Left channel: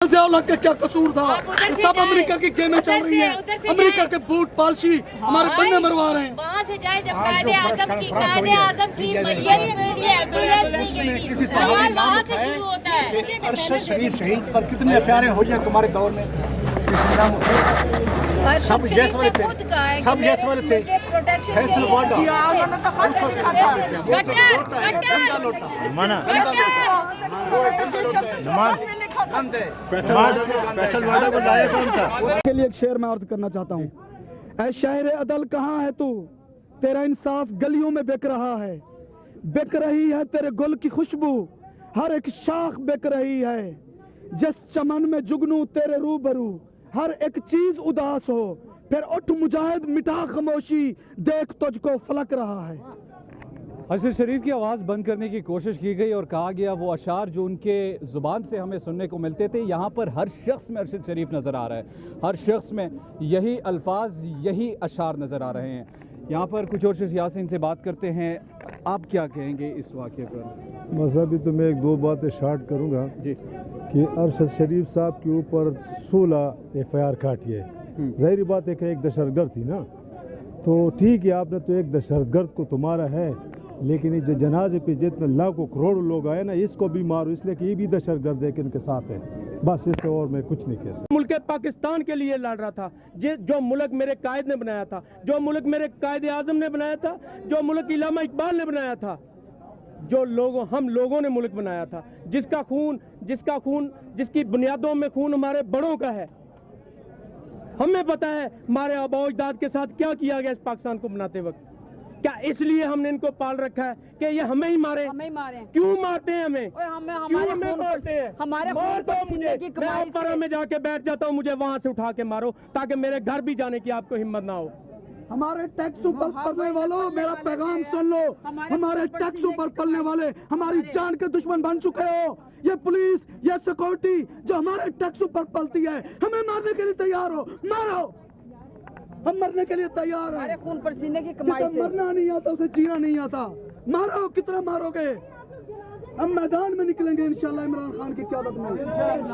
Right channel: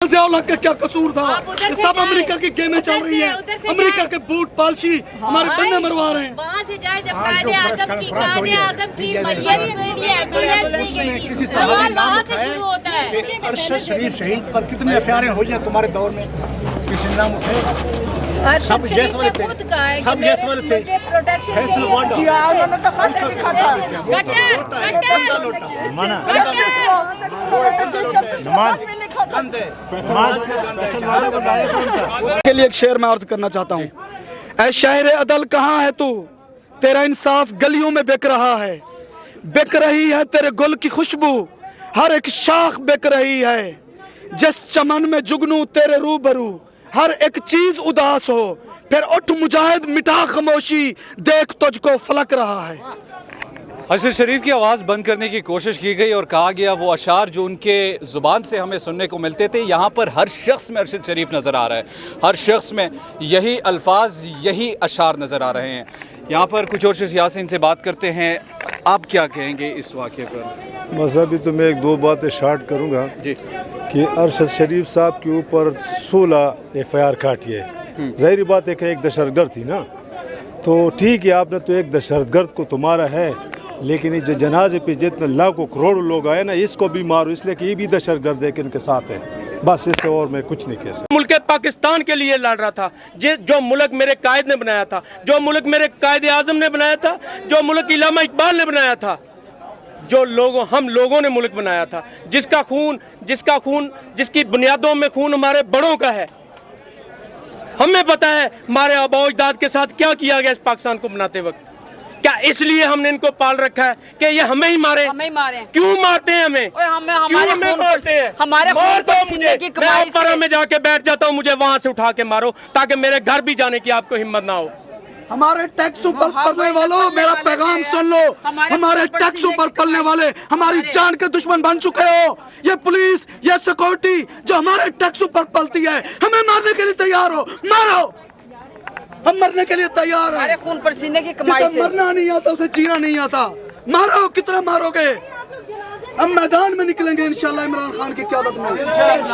ज़िया-उल-हक का क्या कसूर था? ये सब अमेरिका की गेमें चल रही हैं। अमेरिका के बूट पालशी हमारे बन्ने मरवा रहे हैं। वहाँ से जाए जब आज जो प्रेस कॉन्फ्रेंस हुई है उसमें किसी सहाबी ने नाम उठाया कि अरशद शरीफ शहीद पर कितने एफआईआर हुई हैं तुम्हारे दौर में, किसी ने नाम उठाया? सब जैस वाले थे, सब जैस वाले थे। फैसल वाडा उस वक्त का नाम लेते हैं, वो तो लोटा है, गंदा लोटा, माना गंदा लोटा, वो गंदा लोटा है, नमान गंदे के लिए एक शेर मैं अर्ज करना चाहता हूँ। ऐ शायर अदल कहाँ है तू, तेरा इंसाफ गलियों में बिक रहा है। बिक रही है तेरे गुल की खुशबू, हर एक शाख बिक रही है। जिस चमन में जुगनू तेरे रूबरू, हर एक चीज उदास हो। फिर उठ मुजाहिद मिटा खामोशी, देख तुझको फलक रहा है। अरशद शरीफ की आवाज़ बंद करने की कोशिश की गई और कहा गया वो अशार जो उनके ज़ुबान से हमें सुनने को मिलते थे, यहाँ पर हर शख्स में अरशद शरीफ नज़र आ रहा है, हर शख्स में यही अल्फाज यही अशार नज़र आ रहे हैं। यहाँ पर कुछ और शख्स यहाँ से इनसे बात करते हैं, आप क्या कहेंगे इस वाक़े पर? बस अभी तो मैं एक दो बातें शार्ट करूँगा जी कि अरशद शरीफ साहब के ऊपर 16 एफआईआर काटी है। ज़ाहिर बात है कि एक दहशतगर्द थी ना, तो ठीक है आपने तो एक दहशतगर्द को तुम्हारा है, लेकिन ये जो जनाजे पे जितने लाखों करोड़ों लोग आए ना, इसको भी मारो, इसलिए कि ये भी दहशतगर्द है कि इनके साथ है। बस इससे और मैं कुछ नहीं कह सकता। मुल्क पाकिस्तान के लिए लड़ रहा था, जो मुल्क मेरे कायद ने बनाया था, जो मुल्क मेरे कायद आज़म ने बनाया था, जो मुल्क इल्लामा इकबाल ने बनाया था, जो लोगों हम लोगों ने मुल्क बनाया था, जिसका खून जिसकी बुनियादों में खून हमारे बड़ों का है। हमें पता है हमारे आबा अजदाद के साथ क्या किया गया इस पाकिस्तान को बनाते वक्त। क्या इसलिए हमने इनको पाल रखा है कि ये हमें ही मारे? क्यों मारते हैं हमें? क्यों हमें मारते हैं? हमारे मार दो मुझे, की मैं अपरा में जाके बैठ जाता हूँ, मुझे वहां से उठा के मारो ताकि मेरे घर भी जाने की आपको हिम्मत ना हो। हमारे टैक्स ऊपर पलने वालों, मेरा पैगाम सुन लो। हमारे टैक्स ऊपर पलने वाले हमारी जान के दुश्मन बन चुके हो। ये पुलिस, ये सिक्योरिटी जो हमारे टैक्स ऊपर पलती है, हमें मारने के लिए तैयार हो, मारो। हम मरने के लिए तैयार हैं। हमारे खून पसीने की कमाई से मरना नहीं आता उसे जीना नहीं आता। मारो, कितना मारोगे? हम मैदान में निकलेंगे इंशाल्लाह इमरान खान की क़यादत में।